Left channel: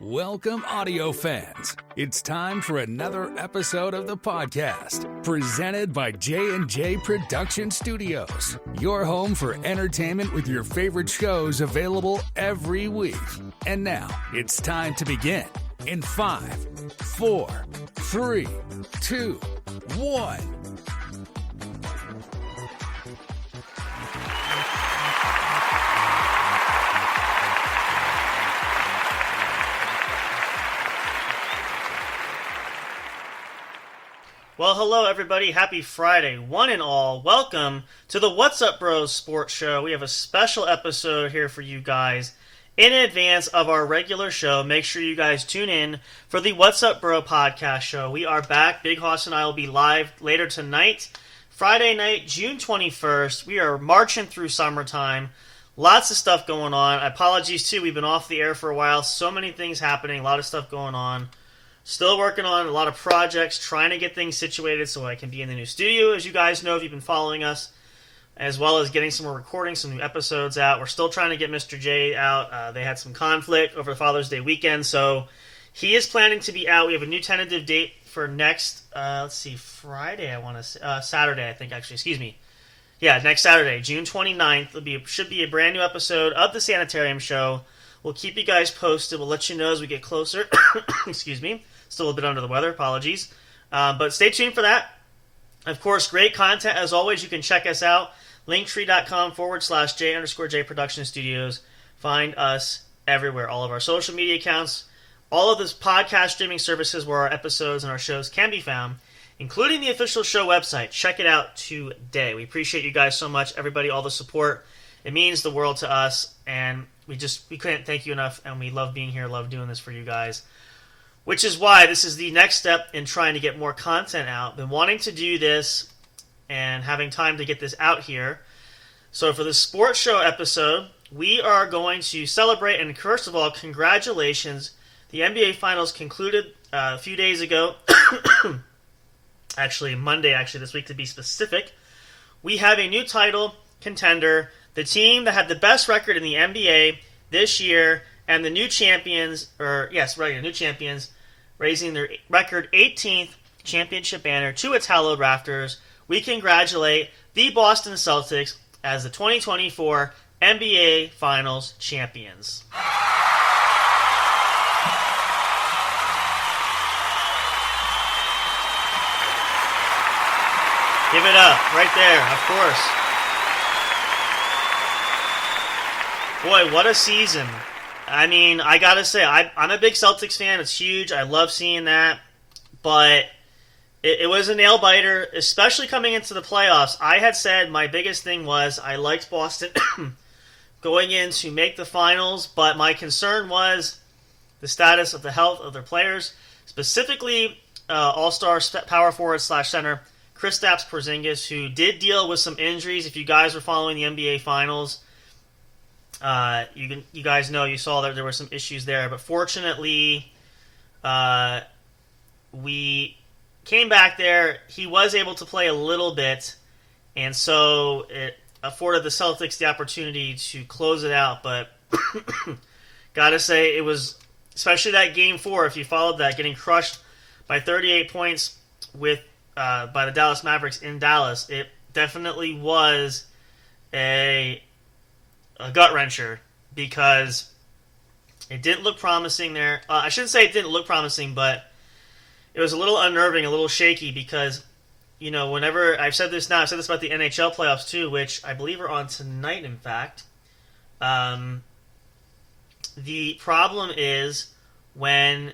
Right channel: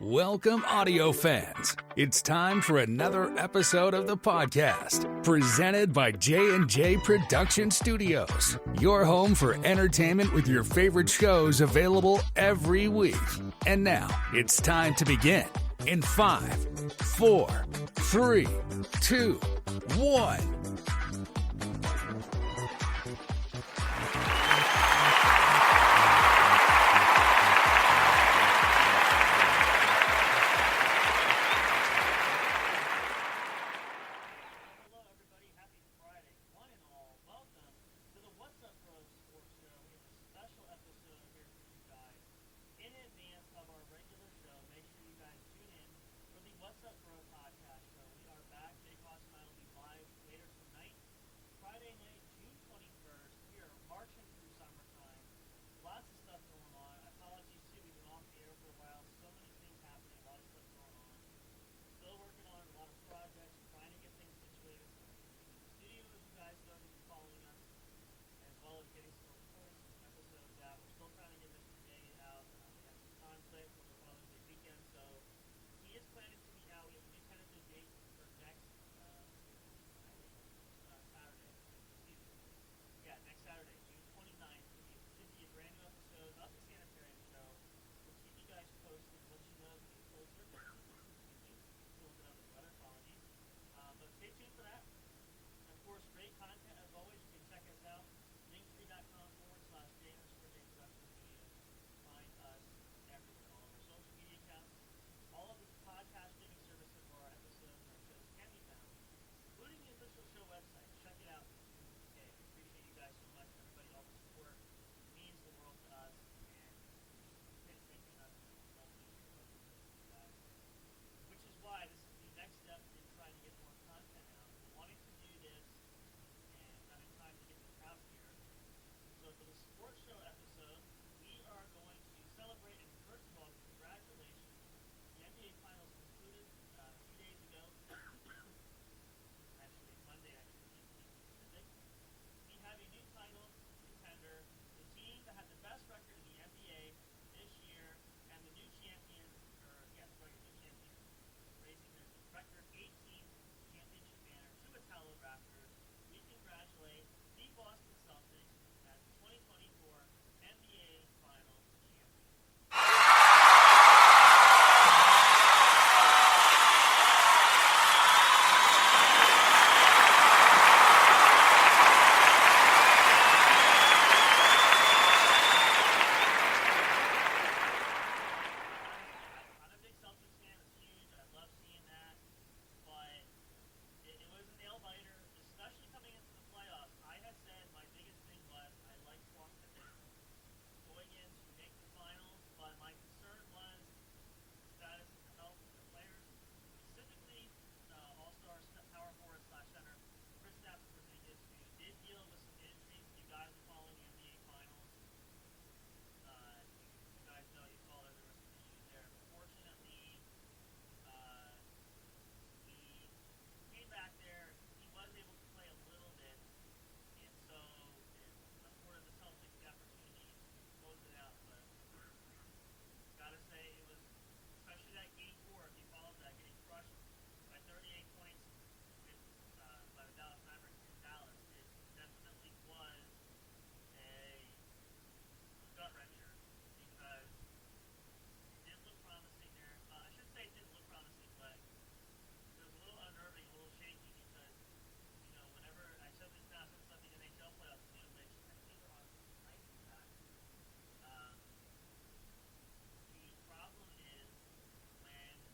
Welcome, audio fans. It's time for another episode of the podcast, presented by J&J Production Studios, your home for entertainment with your favorite shows available every week. And now, it's time to begin in 5, 4, 3, 2, 1. Well, hello everybody. Happy Friday, one and all. Welcome to the What's Up Bros Sports Show. We have a special episode here for you guys in advance of our regular show. Make sure you guys tune in for the What's Up Bro podcast show. We are back. Big Hoss and I will be live later tonight, Friday night, June 21st. We are marching through summertime. Lots of stuff going on. Apologies too. We've been off the air for a while. So many things happening. A lot of stuff going on. Still working on a lot of projects, trying to get things situated so I can be in the new studio, as you guys know if you've been following us, as well as getting some more recordings, some new episodes out. We're still trying to get Mr. J out. They had some conflict over the Father's Day weekend, so he is planning to be out. We have a new tentative date for next, Friday, Saturday, I think, actually, excuse me. Yeah, next Saturday, June 29th. Should be a brand new episode of the Sanitarium Show. We'll keep you guys posted. We'll let you know as we get closer. Excuse me. Still a bit under the weather. Apologies. But stay tuned for that. Of course, great content. As always, you can check us out. Linktree.com/J_J Production Studios. Find us everywhere. All of our social media accounts. All of this podcast streaming services where our episodes and our shows can be found, including the official show website. Check it out today. We appreciate you guys so much. Everybody, all the support. It means the world to us. And we couldn't thank you enough, and we love being here, love doing this for you guys, which is why this is the next step in trying to get more content out. Been wanting to do this and having time to get this out here. So for the sports show episode, we are going to celebrate, and first of all, congratulations. The NBA Finals concluded a few days ago. Actually, Monday, this week to be specific. We have a new title contender. The team that had the best record in the NBA this year, and the new champions, new champions, raising their record 18th championship banner to its hallowed rafters. We congratulate the Boston Celtics as the 2024 NBA Finals champions. Give it up, right there, of course. Boy, what a season. I mean, I gotta say, I'm a big Celtics fan. It's huge. I love seeing that. But it was a nail-biter, especially coming into the playoffs. I had said my biggest thing was I liked Boston going in to make the finals, but my concern was the status of the health of their players, specifically all-star power forward/center Kristaps Porzingis, who did deal with some injuries. If you guys were following the NBA Finals, you guys know, you saw that there were some issues there, but fortunately, we came back there. He was able to play a little bit, and so it afforded the Celtics the opportunity to close it out. But gotta say, it was, especially that Game 4, if you followed that, getting crushed by 38 points by the Dallas Mavericks in Dallas. It definitely was a gut-wrencher, because it didn't look promising there. I shouldn't say it didn't look promising, but it was a little unnerving, a little shaky, because, whenever I've said this now, I've said this about the NHL playoffs too, which I believe are on tonight, in fact. The problem is when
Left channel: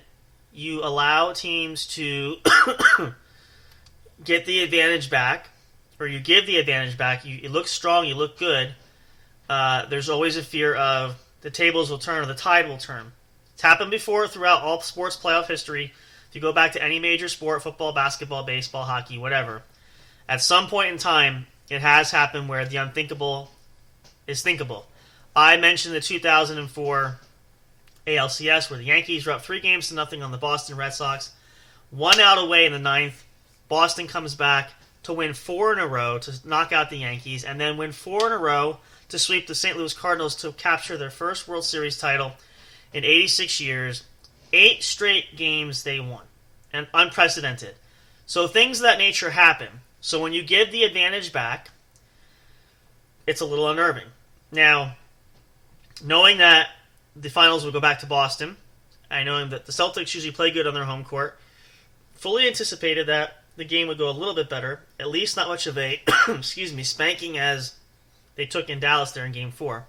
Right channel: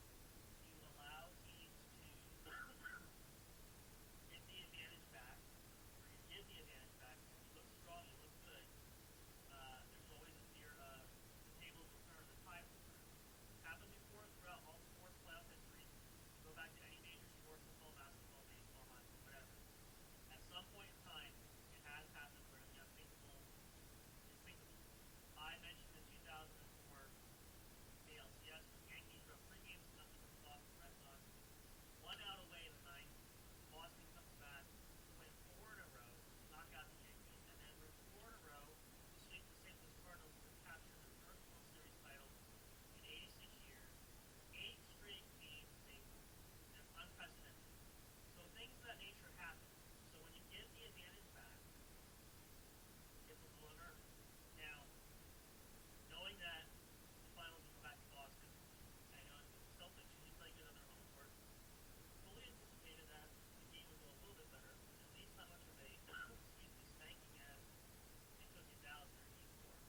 you allow teams to get the advantage back, or you give the advantage back, you look strong, you look good. There's always a fear of the tables will turn or the tide will turn. It's happened before throughout all sports playoff history. If you go back to any major sport, football, basketball, baseball, hockey, whatever, at some point in time, it has happened where the unthinkable is thinkable. I mentioned the 2004 ALCS, where the Yankees were up 3-0 on the Boston Red Sox. One out away in the ninth. Boston comes back to win 4 in a row to knock out the Yankees, and then win 4 in a row to sweep the St. Louis Cardinals to capture their first World Series title in 86 years. 8 straight games they won. And unprecedented. So things of that nature happen. So when you give the advantage back, it's a little unnerving. Now, knowing that the finals will go back to Boston, I know that the Celtics usually play good on their home court, fully anticipated that the game would go a little bit better, at least not much of a spanking as they took in Dallas there in Game 4.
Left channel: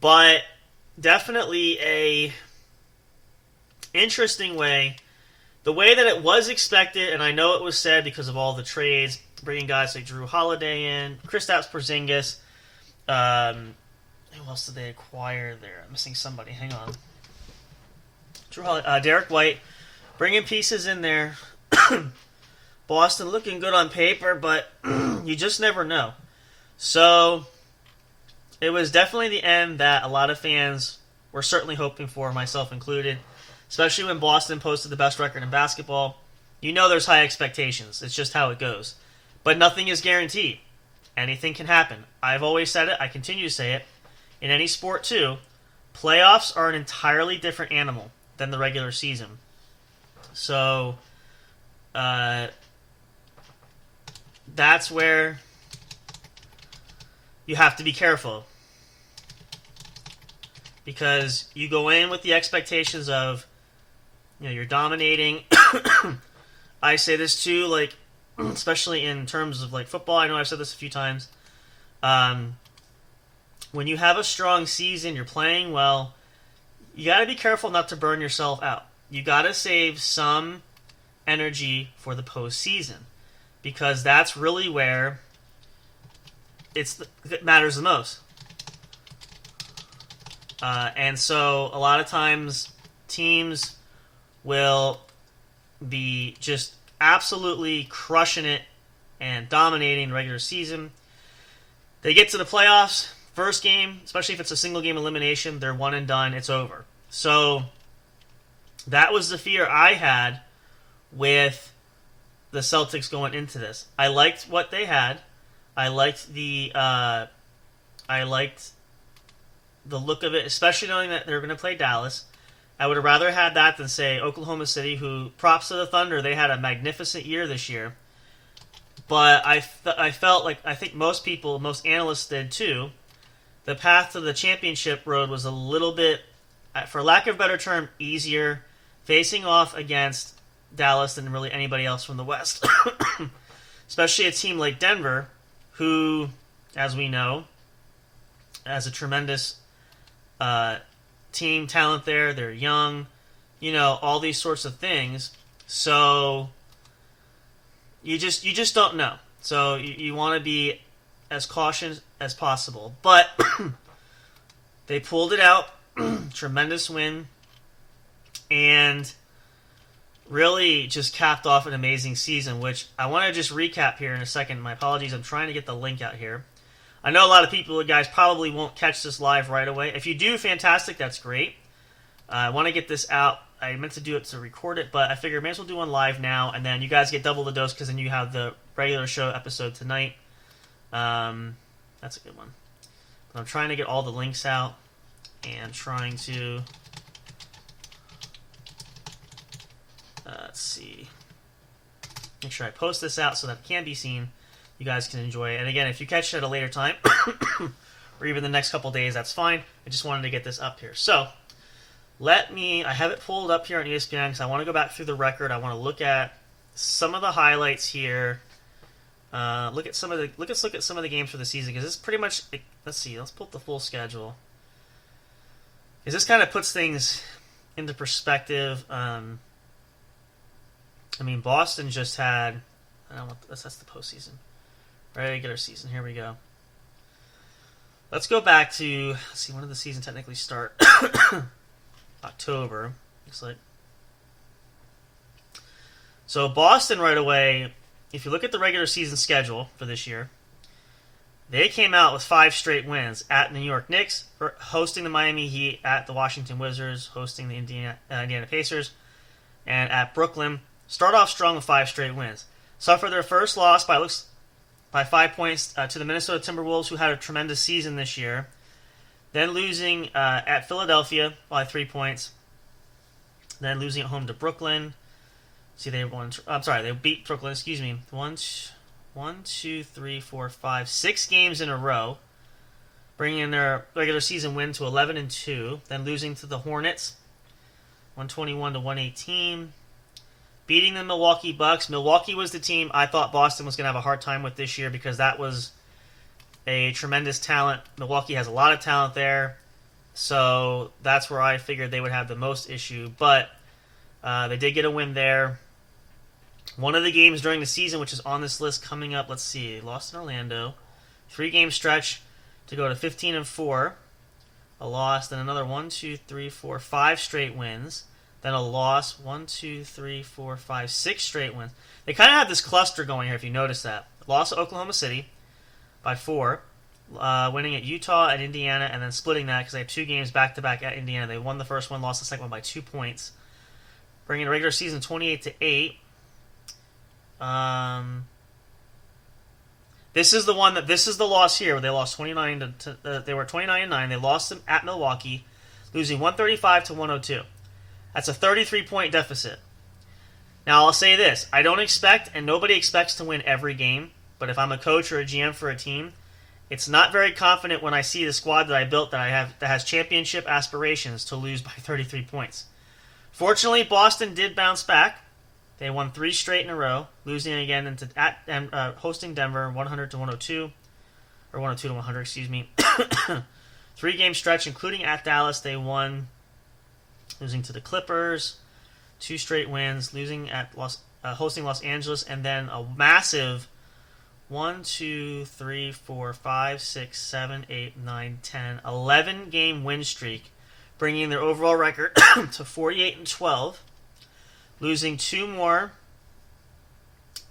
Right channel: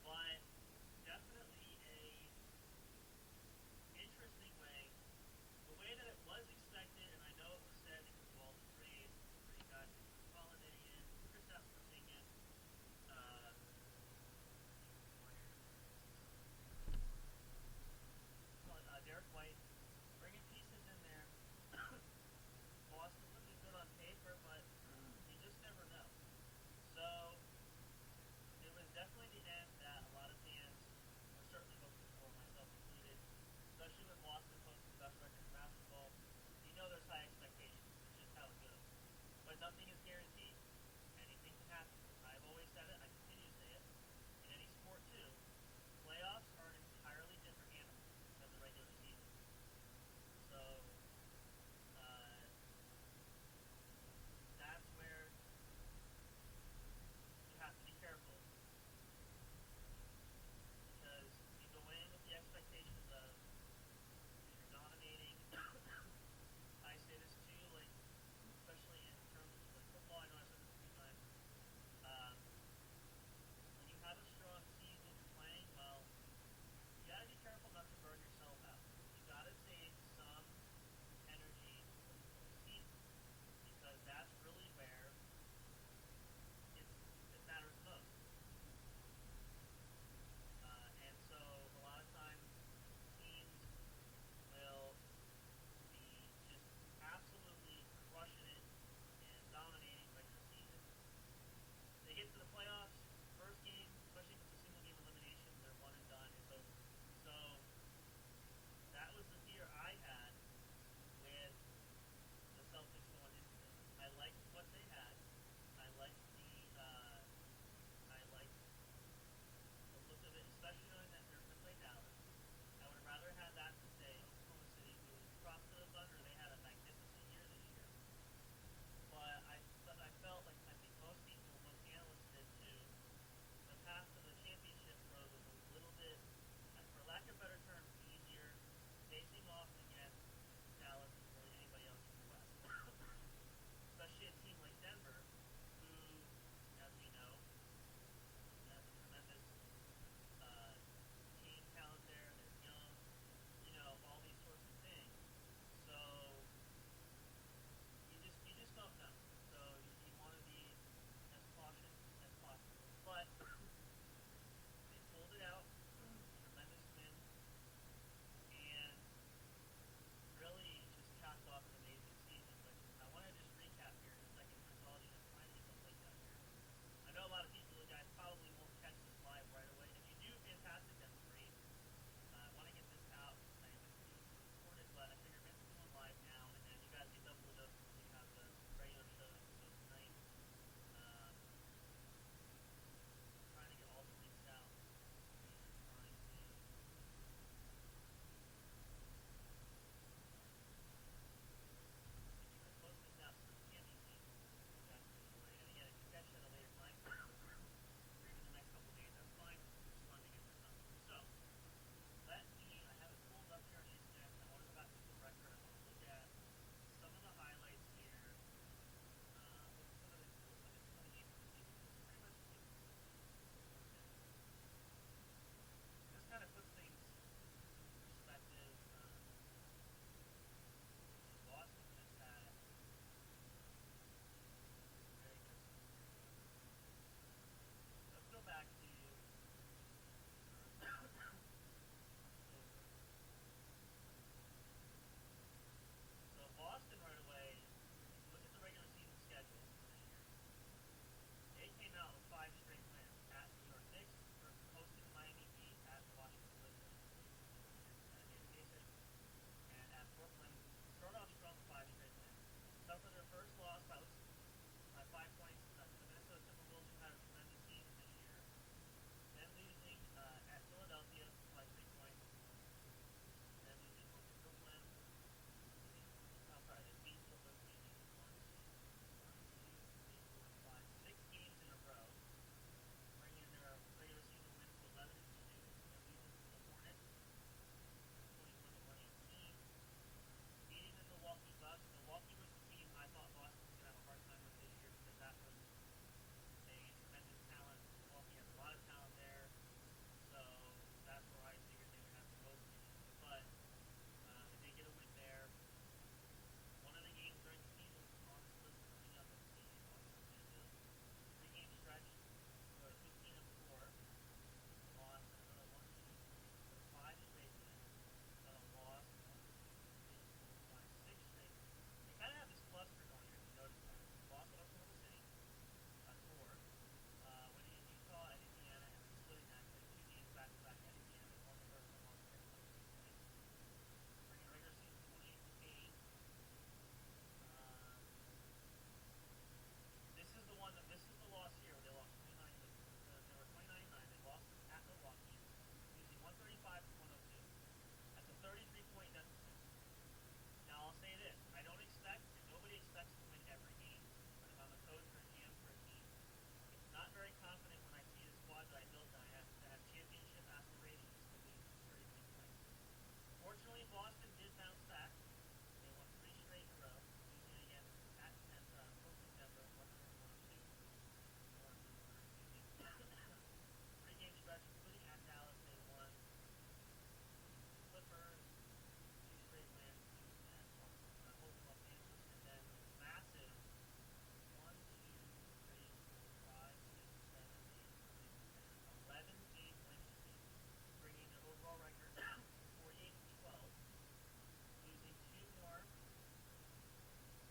But definitely a interesting way, the way that it was expected, and I know it was said because of all the trades, bringing guys like Drew Holiday in, Kristaps Porzingis, who else did they acquire there? I'm missing somebody. Hang on. Drew Holiday, Derek White, bringing pieces in there. Boston looking good on paper, but you just never know. So it was definitely the end that a lot of fans were certainly hoping for, myself included, especially when Boston posted the best record in basketball. You know there's high expectations. It's just how it goes. But nothing is guaranteed. Anything can happen. I've always said it. I continue to say it. In any sport, too, playoffs are an entirely different animal than the regular season. So, that's where you have to be careful. Because you go in with the expectations of, you're dominating. I say this too, like, especially in terms of like football. I know I've said this a few times. When you have a strong season, you're playing well, you got to be careful not to burn yourself out. You got to save some energy for the postseason, because that's really where it matters the most. And so a lot of times teams will be just absolutely crushing it and dominating the regular season. They get to the playoffs, first game, especially if it's a single game elimination, they're one and done, it's over. So that was the fear I had with the Celtics going into this. I liked what they had. I liked the look of it, especially knowing that they're going to play Dallas. I would have rather had that than, say, Oklahoma City, who, props to the Thunder, they had a magnificent year this year. But I felt like, I think most people, most analysts did too, the path to the championship road was a little bit, for lack of a better term, easier, facing off against Dallas than really anybody else from the West. Especially a team like Denver, who, as we know, has a tremendous team talent there. They're young, all these sorts of things. So you just don't know. So you want to be as cautious as possible. But they pulled it out. Tremendous win. And really just capped off an amazing season, which I want to just recap here in a second. My apologies. I'm trying to get the link out here. I know a lot of people, guys, probably won't catch this live right away. If you do, fantastic. That's great. I want to get this out. I meant to do it to record it, but I figured I may as well do one live now, and then you guys get double the dose because then you have the regular show episode tonight. That's a good one. But I'm trying to get all the links out and trying to... let's see. Make sure I post this out so that it can be seen. You guys can enjoy it. And again, if you catch it at a later time, or even the next couple days, that's fine. I just wanted to get this up here. So, I have it pulled up here on ESPN because I want to go back through the record. I want to look at some of the highlights here. Let's look at some of the games for the season, because this pretty much, let's see, let's pull up the full schedule. Because this kind of puts things into perspective. Boston just had, that's the postseason. Regular season, here we go. Let's go back to, let's see, when did the season technically start? October, looks like. So Boston right away, if you look at the regular season schedule for this year, they came out with 5 straight wins at New York Knicks, hosting the Miami Heat, at the Washington Wizards, hosting the Indiana Pacers, and at Brooklyn. Start off strong with 5 straight wins. Suffer their first loss by 5 points to the Minnesota Timberwolves, who had a tremendous season this year. Then losing at Philadelphia by 3 points. Then losing at home to Brooklyn. See, they won. I'm sorry, they beat Brooklyn. Excuse me. 6 games in a row, bringing their regular season win to 11-2. Then losing to the Hornets, 121-118. Beating the Milwaukee Bucks. Milwaukee was the team I thought Boston was going to have a hard time with this year because that was a tremendous talent. Milwaukee has a lot of talent there, so that's where I figured they would have the most issue. But they did get a win there. One of the games during the season, which is on this list coming up, let's see, lost in Orlando. 3-game stretch to go to 15-4. A loss, then another 5 straight wins. Then a loss, 6 straight wins. They kind of have this cluster going here, if you notice that. Loss to Oklahoma City by 4. Winning at Utah and Indiana, and then splitting that because they have 2 games back-to-back at Indiana. They won the first one, lost the second one by 2 points. Bringing the regular season 28-8. This is the loss here where they lost 29 to they were 29-9. They lost them at Milwaukee, losing 135-102. That's a 33-point deficit. Now I'll say this: I don't expect, and nobody expects to win every game. But if I'm a coach or a GM for a team, it's not very confident when I see the squad that I built that has championship aspirations to lose by 33 points. Fortunately, Boston did bounce back. They won 3 straight in a row, losing again hosting Denver 100-102, or 102-100, excuse me. 3-game stretch, including at Dallas, they won, losing to the Clippers, 2 straight wins, losing at hosting Los Angeles, and then a massive 11-game win streak, bringing their overall record to 48-12. Losing 2 more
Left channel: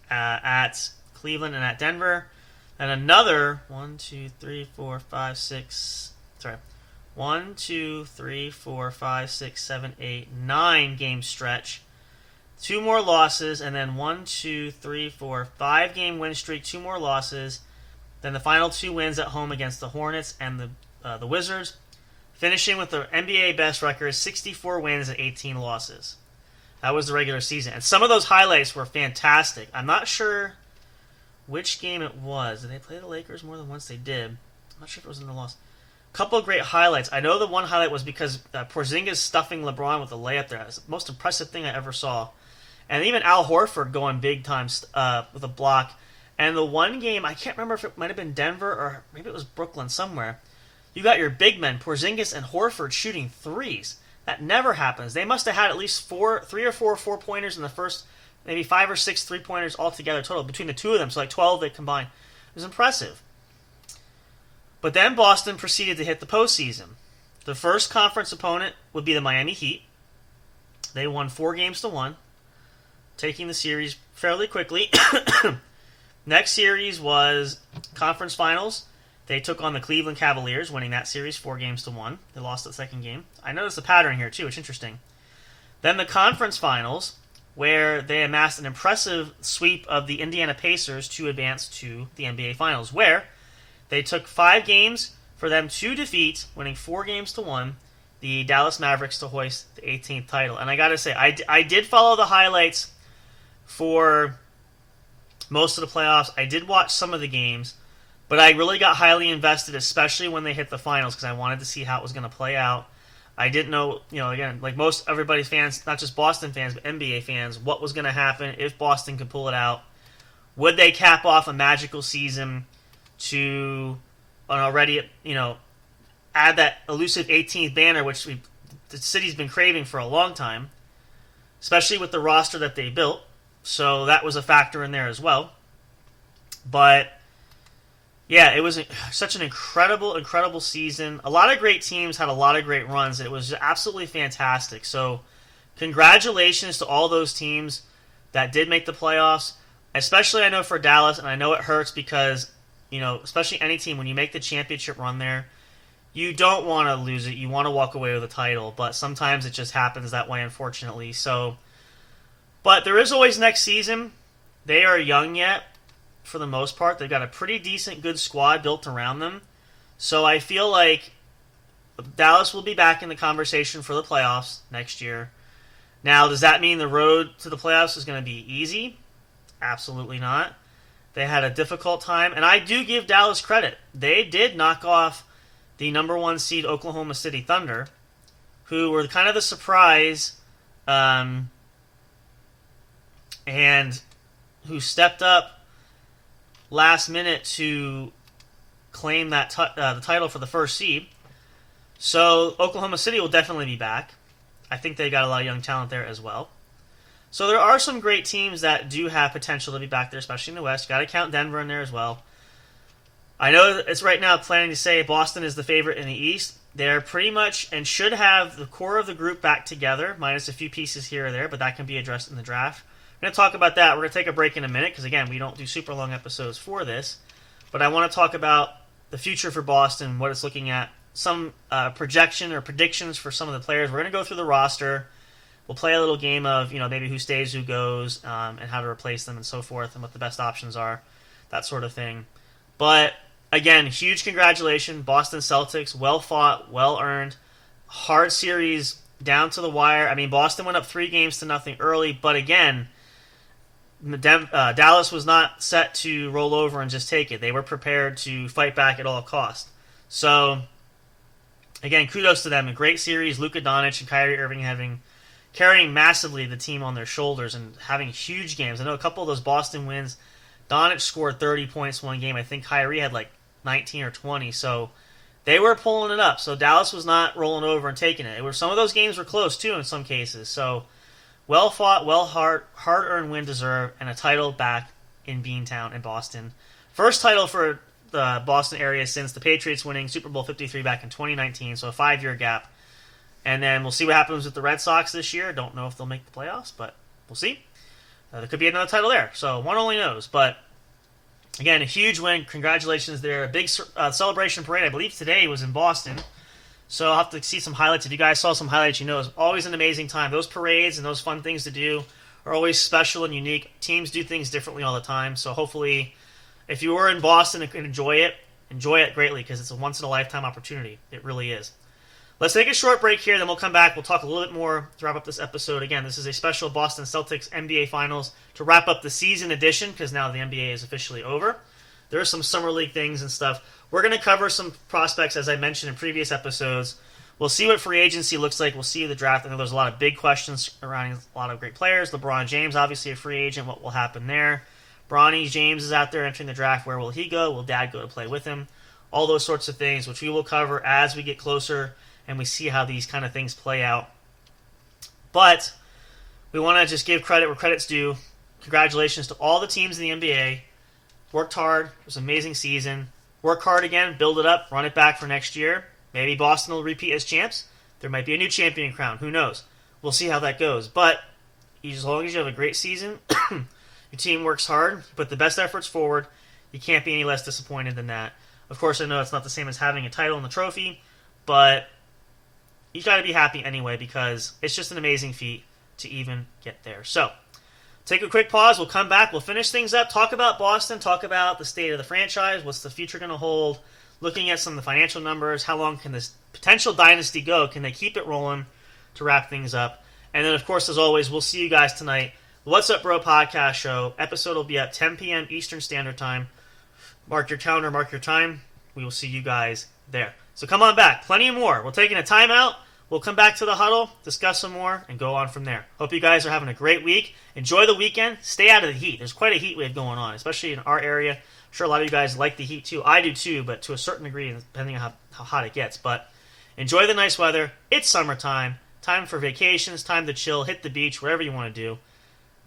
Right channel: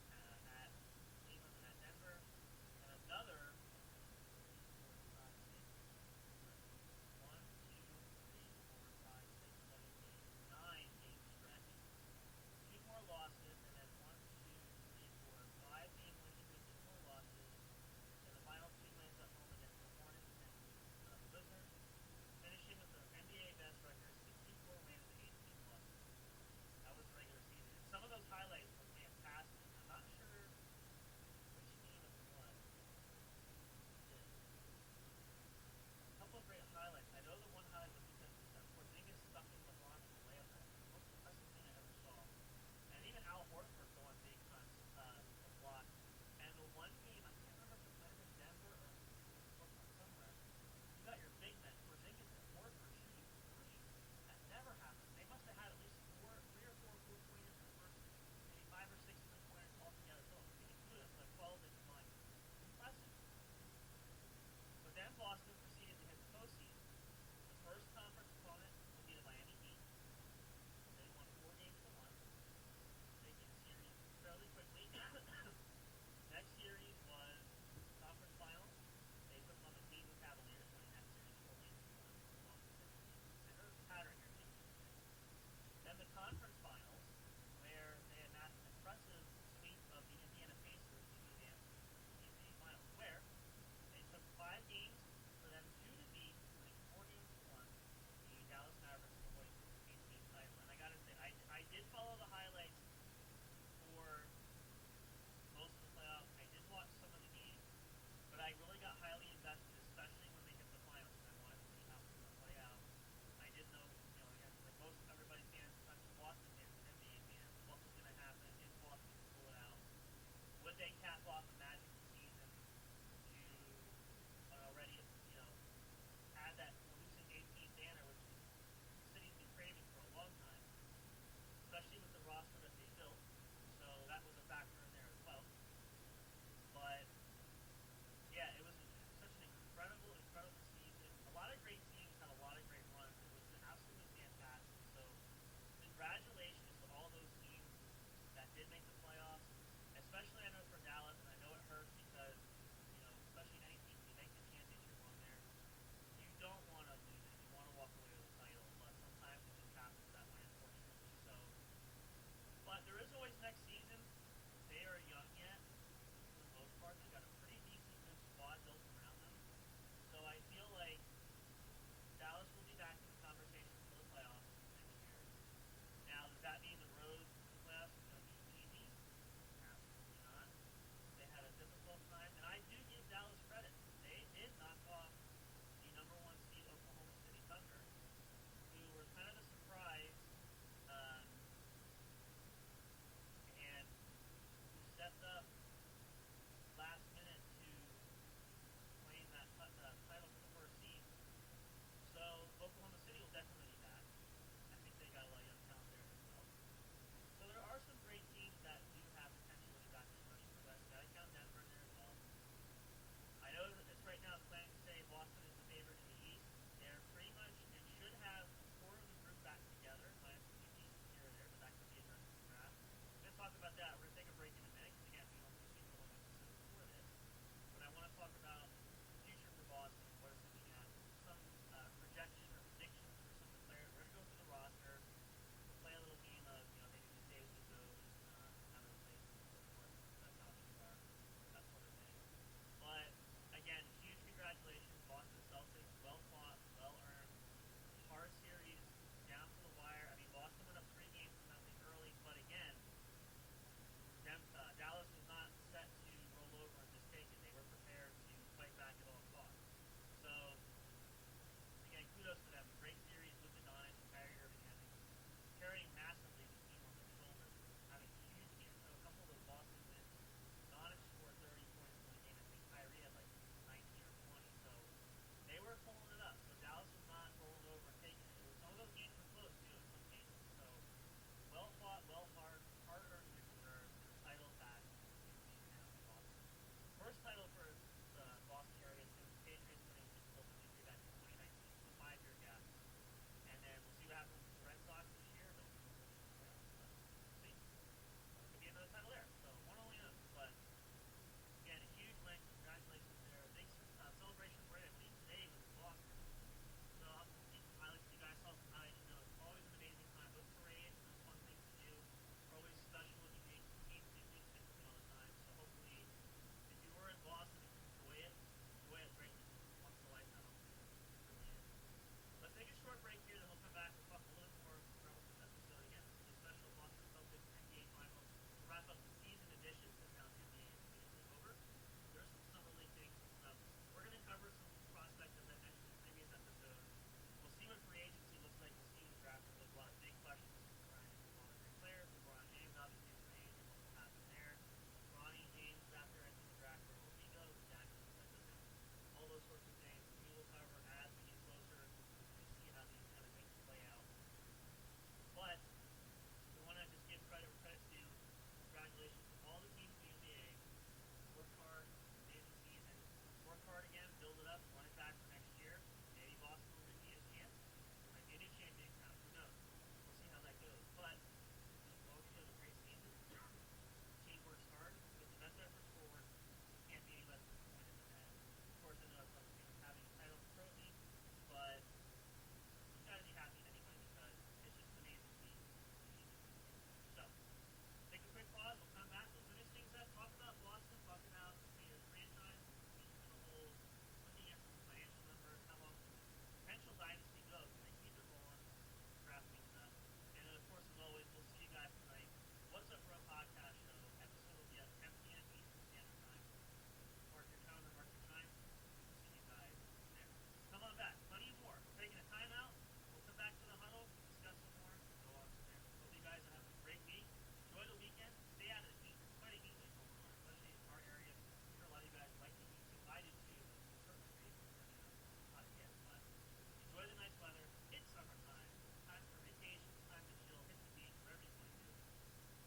at Cleveland and at Denver. And another 9 game stretch. 2 more losses, and then 5-game win streak, 2 more losses. Then the final 2 wins at home against the Hornets and the Wizards. Finishing with the NBA best record, 64 wins and 18 losses. That was the regular season. And some of those highlights were fantastic. I'm not sure which game it was. Did they play the Lakers more than once? They did. I'm not sure if it was in the loss. A couple of great highlights. I know the one highlight was because Porzingis stuffing LeBron with a layup there. That's the most impressive thing I ever saw. And even Al Horford going big time with a block. And the one game, I can't remember if it might have been Denver or maybe it was Brooklyn somewhere. You got your big men, Porzingis and Horford, shooting threes. That never happens. They must have had at least 3 or 4 4-pointers in the first, maybe 5 or 6 3-pointers altogether total between the 2 of them. So like 12 they combined. It was impressive. But then Boston proceeded to hit the postseason. The first conference opponent would be the Miami Heat. They won 4-1, taking the series fairly quickly. Next series was conference finals. They took on the Cleveland Cavaliers, winning that series 4-1. They lost the second game. I noticed a pattern here, too. It's interesting. Then the conference finals, where they amassed an impressive sweep of the Indiana Pacers to advance to the NBA Finals, where they took 5 games for them to defeat, winning 4-1, the Dallas Mavericks to hoist the 18th title. And I got to say, I did follow the highlights for most of the playoffs. I did watch some of the games. But I really got highly invested, especially when they hit the finals, because I wanted to see how it was going to play out. I didn't know, again, like most everybody's fans, not just Boston fans, but NBA fans, what was going to happen if Boston could pull it out. Would they cap off a magical season to already, add that elusive 18th banner, which the city's been craving for a long time, especially with the roster that they built. So that was a factor in there as well. But yeah, it was such an incredible season. A lot of great teams had a lot of great runs. It was absolutely fantastic. So congratulations to all those teams that did make the playoffs, especially I know for Dallas, and I know it hurts because, especially any team, when you make the championship run there, you don't want to lose it. You want to walk away with a title, but sometimes it just happens that way, unfortunately. So, but there is always next season. They are young yet. For the most part, they've got a pretty decent, good squad built around them. So I feel like Dallas will be back in the conversation for the playoffs next year. Now, does that mean the road to the playoffs is going to be easy? Absolutely not. They had a difficult time, and I do give Dallas credit. They did knock off the number 1 seed Oklahoma City Thunder, who were kind of the surprise, and who stepped up last minute to claim that the title for the first seed. So Oklahoma City will definitely be back. I think they got a lot of young talent there as well. So there are some great teams that do have potential to be back there, especially in the West. Got to count Denver in there as well. I know it's right now planning to say Boston is the favorite in the East. They're pretty much and should have the core of the group back together, minus a few pieces here or there, but that can be addressed in the draft. We're going to talk about that. We're going to take a break in a minute because, again, we don't do super long episodes for this. But I want to talk about the future for Boston, what it's looking at, some projection or predictions for some of the players. We're going to go through the roster. We'll play a little game of, maybe who stays, who goes, and how to replace them and so forth, and what the best options are, that sort of thing. But, again, huge congratulations, Boston Celtics. Well fought, well earned. Hard series down to the wire. I mean, Boston went up 3-0 early, but again, Dallas was not set to roll over and just take it. They were prepared to fight back at all costs. So, again, kudos to them. A great series. Luka Doncic and Kyrie Irving carrying massively the team on their shoulders and having huge games. I know a couple of those Boston wins, Doncic scored 30 points one game. I think Kyrie had like 19 or 20. So they were pulling it up. So Dallas was not rolling over and taking it. Some of those games were close too in some cases. So well fought, hard-earned win deserved, and a title back in Beantown in Boston. First title for the Boston area since the Patriots winning Super Bowl 53 back in 2019. So a 5-year gap. And then we'll see what happens with the Red Sox this year. Don't know if they'll make the playoffs, but we'll see. There could be another title there, so one only knows. But, again, a huge win. Congratulations there. A big celebration parade, I believe today, was in Boston. So I'll have to see some highlights. If you guys saw some highlights, it's always an amazing time. Those parades and those fun things to do are always special and unique. Teams do things differently all the time. So hopefully, if you were in Boston and can enjoy it greatly because it's a once-in-a-lifetime opportunity. It really is. Let's take a short break here, then we'll come back. We'll talk a little bit more to wrap up this episode. Again, this is a special Boston Celtics NBA Finals to wrap up the season edition because now the NBA is officially over. There are some Summer League things and stuff. We're going to cover some prospects, as I mentioned in previous episodes. We'll see what free agency looks like. We'll see the draft. I know there's a lot of big questions surrounding a lot of great players. LeBron James, obviously a free agent. What will happen there? Bronny James is out there entering the draft. Where will he go? Will Dad go to play with him? All those sorts of things, which we will cover as we get closer and we see how these kind of things play out. But we want to just give credit where credit's due. Congratulations to all the teams in the NBA. Worked hard. It was an amazing season. Work hard again. Build it up. Run it back for next year. Maybe Boston will repeat as champs. There might be a new champion crown. Who knows? We'll see how that goes. But as long as you have a great season, your team works hard, you put the best efforts forward, you can't be any less disappointed than that. Of course, I know it's not the same as having a title and a trophy, but you got to be happy anyway because it's just an amazing feat to even get there. So, take a quick pause. We'll come back. We'll finish things up. Talk about Boston. Talk about the state of the franchise. What's the future going to hold? Looking at some of the financial numbers. How long can this potential dynasty go? Can they keep it rolling to wrap things up? And then, of course, as always, we'll see you guys tonight. The What's Up Bro podcast show. Episode will be at 10 p.m. Eastern Standard Time. Mark your calendar. Mark your time. We will see you guys there. So come on back. Plenty more. We're taking a timeout. We'll come back to the huddle, discuss some more, and go on from there. Hope you guys are having a great week. Enjoy the weekend. Stay out of the heat. There's quite a heat wave going on, especially in our area. I'm sure a lot of you guys like the heat too. I do too, but to a certain degree, depending on how hot it gets. But enjoy the nice weather. It's summertime. Time for vacations. Time to chill. Hit the beach. Whatever you want to do.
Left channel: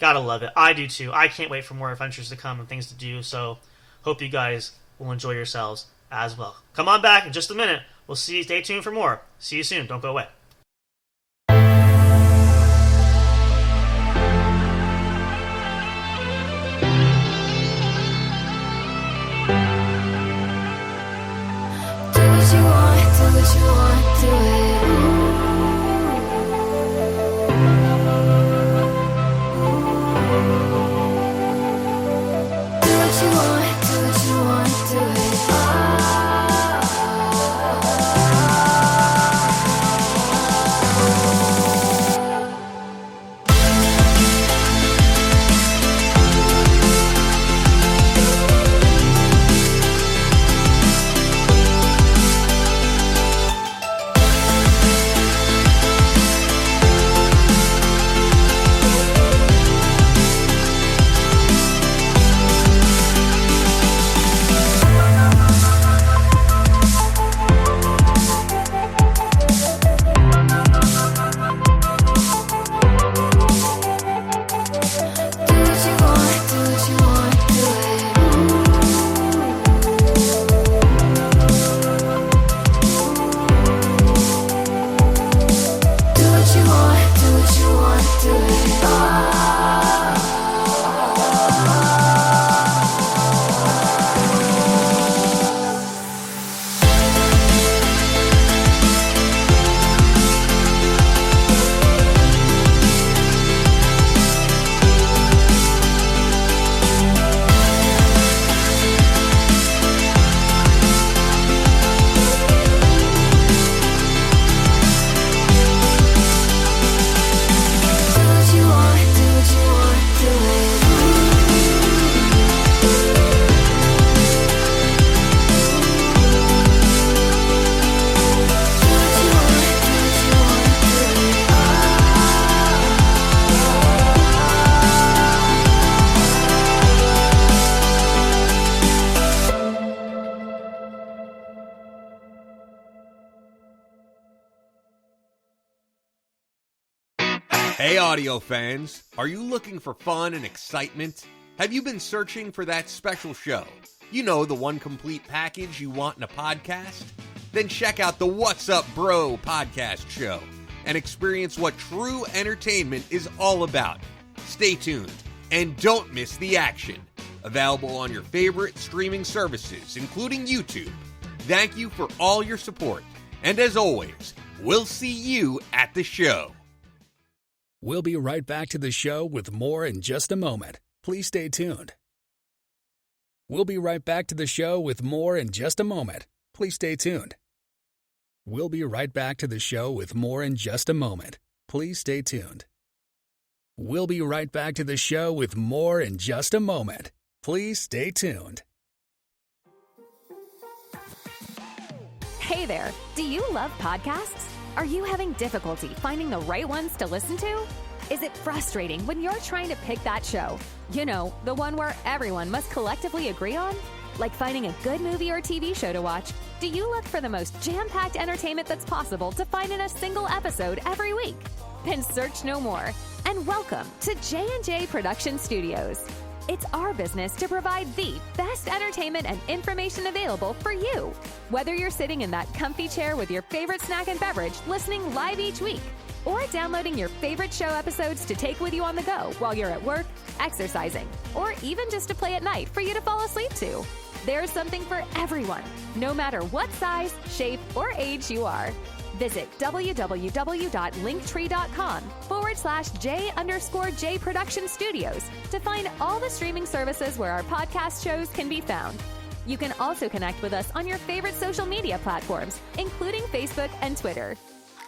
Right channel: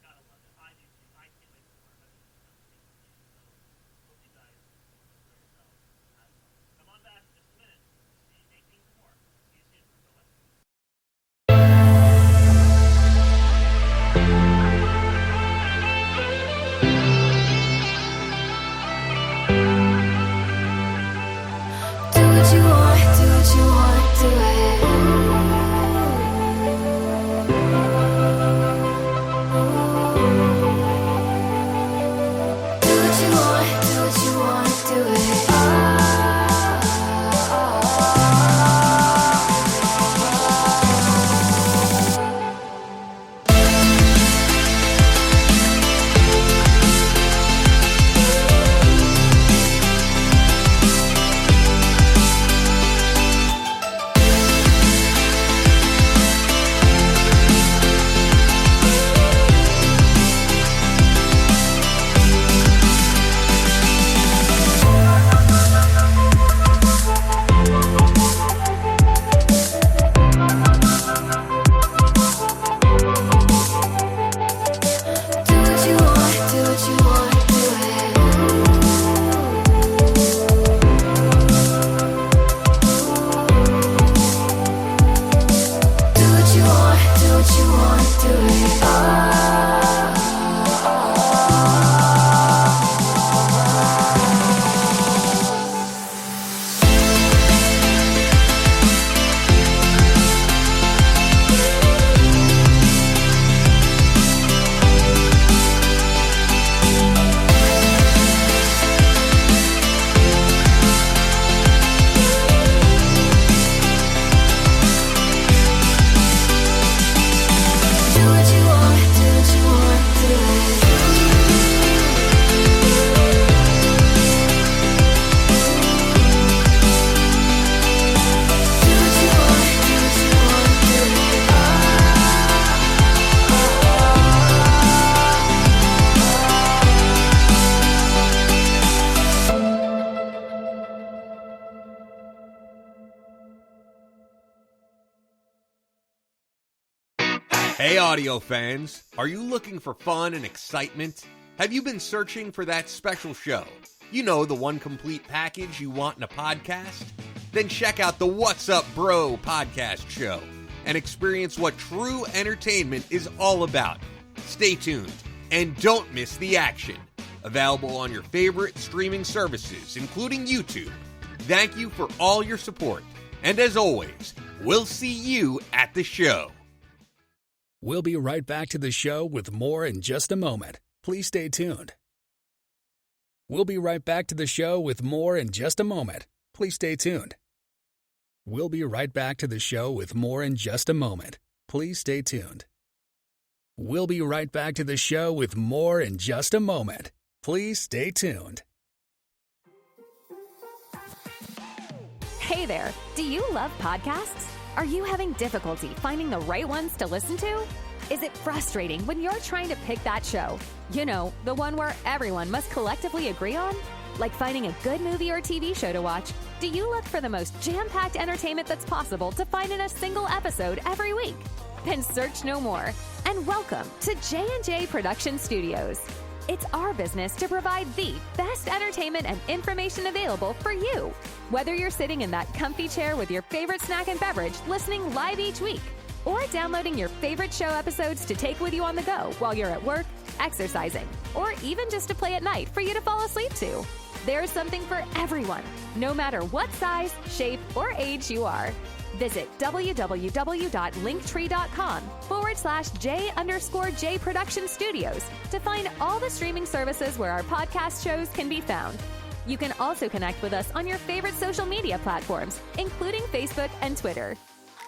Gotta love it. I do too. I can't wait for more adventures to come and things to do. So hope you guys will enjoy yourselves as well. Come on back in just a minute. We'll see you. Stay tuned for more. See you soon. Don't go away. Do what you want, do it. Do what you want, do it. do it. Hey audio fans, are you looking for fun and excitement? Have you been searching for that special show? You know, the one complete package you want in a podcast? Then check out the What's Up Bro podcast show and experience what true entertainment is all about. Stay tuned and don't miss the action. Available on your favorite streaming services, including YouTube. Thank you for all your support. And as always, we'll see you at the show. We'll be right back to the show with more in just a moment. Please stay tuned. We'll be right back to the show with more in just a moment. Please stay tuned. We'll be right back to the show with more in just a moment. Please stay tuned. We'll be right back to the show with more in just a moment. Please stay tuned. Hey there, do you love podcasts? Are you having difficulty finding the right ones to listen to? Is it frustrating when you're trying to pick that show? You know, the one where everyone must collectively agree on? Like finding a good movie or TV show to watch, do you look for the most jam-packed entertainment that's possible to find in a single episode every week? Then search no more, and welcome to J&J Production Studios. It's our business to provide the best entertainment and information available for you. Whether you're sitting in that comfy chair with your favorite snack and beverage listening live each week, or downloading your favorite show episodes to take with you on the go while you're at work, exercising, or even just to play at night for you to fall asleep to. There's something for everyone, no matter what size, shape, or age you are. Visit www.linktree.com/J_J Production Studios to find all the streaming services where our podcast shows can be found. You can also connect with us on your favorite social media platforms, including Facebook and Twitter.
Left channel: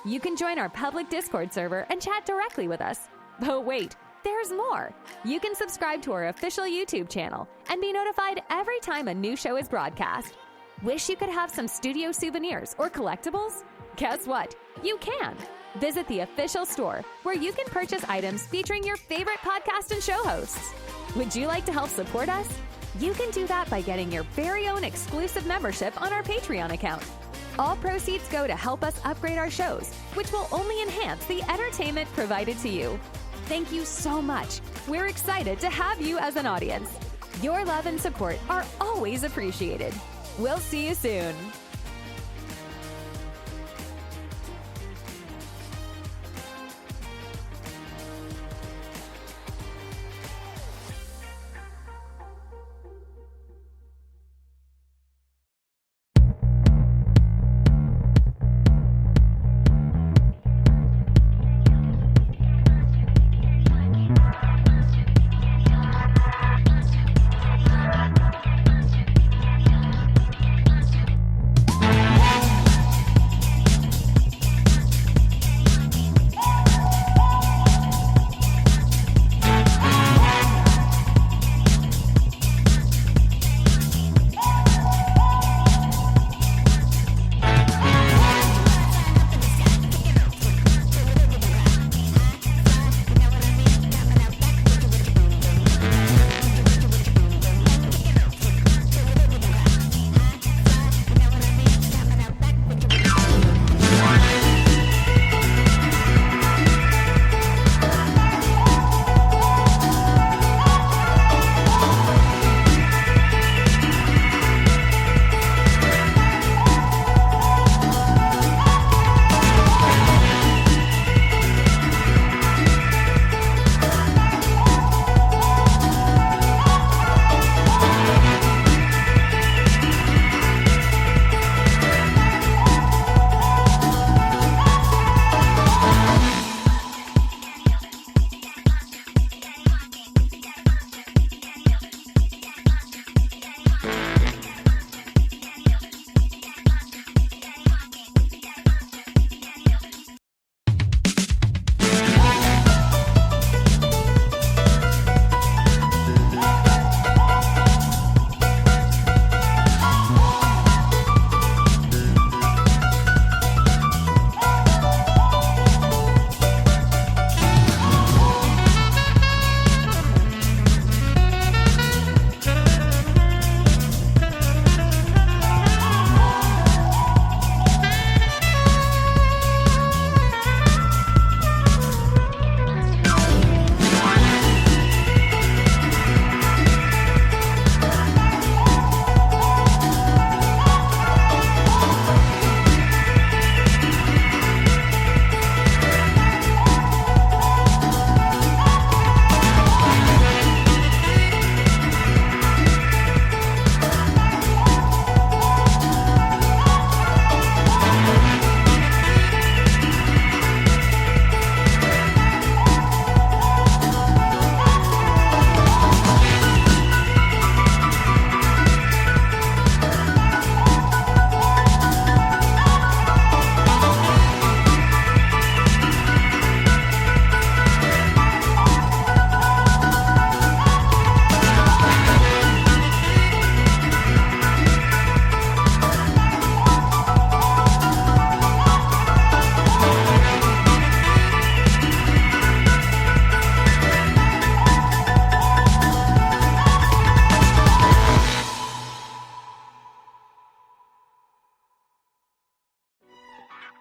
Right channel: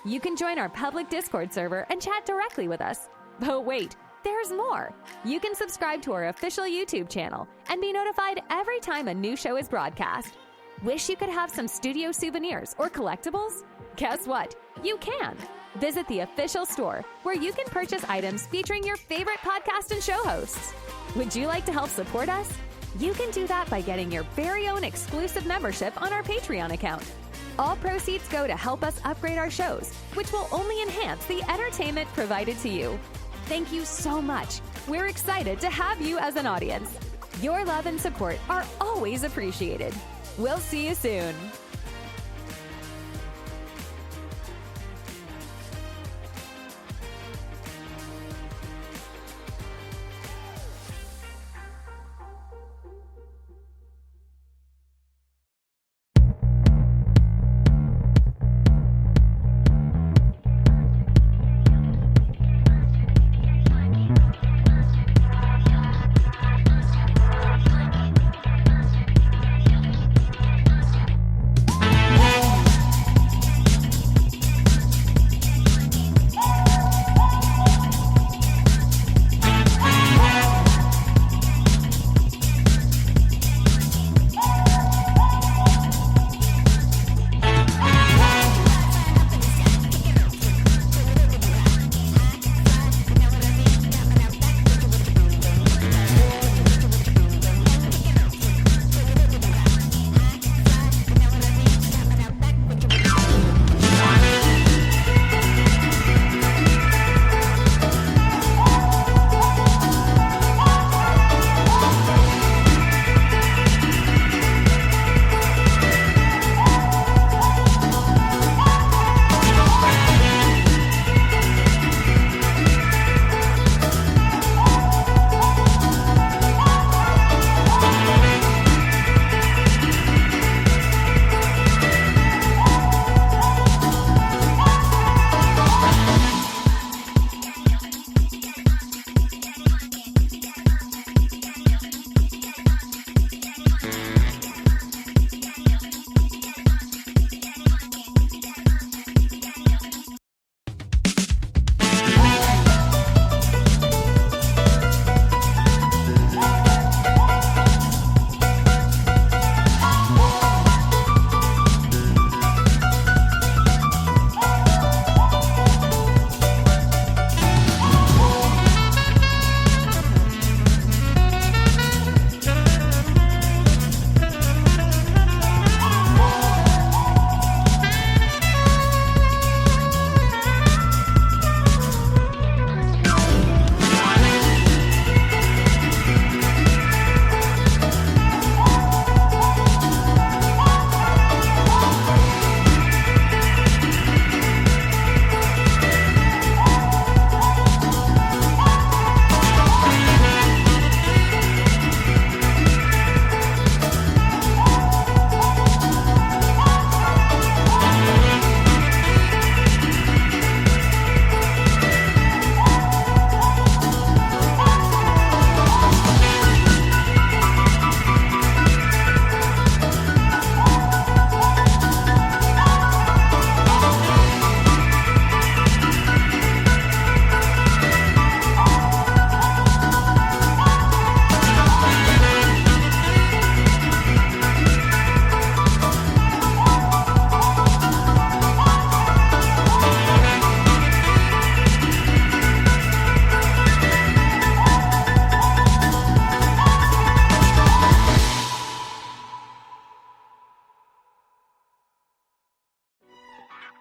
You can join our public Discord server and chat directly with us. But wait, there's more. You can subscribe to our official YouTube channel and be notified every time a new show is broadcast. Wish you could have some studio souvenirs or collectibles? Guess what? You can. Visit the official store where you can purchase items featuring your favorite podcast and show hosts. Would you like to help support us? You can do that by getting your very own exclusive membership on our Patreon account. All proceeds go to help us upgrade our shows, which will only enhance the entertainment provided to you. Thank you so much. We're excited to have you as an audience. Your love and support are always appreciated. We'll see you soon.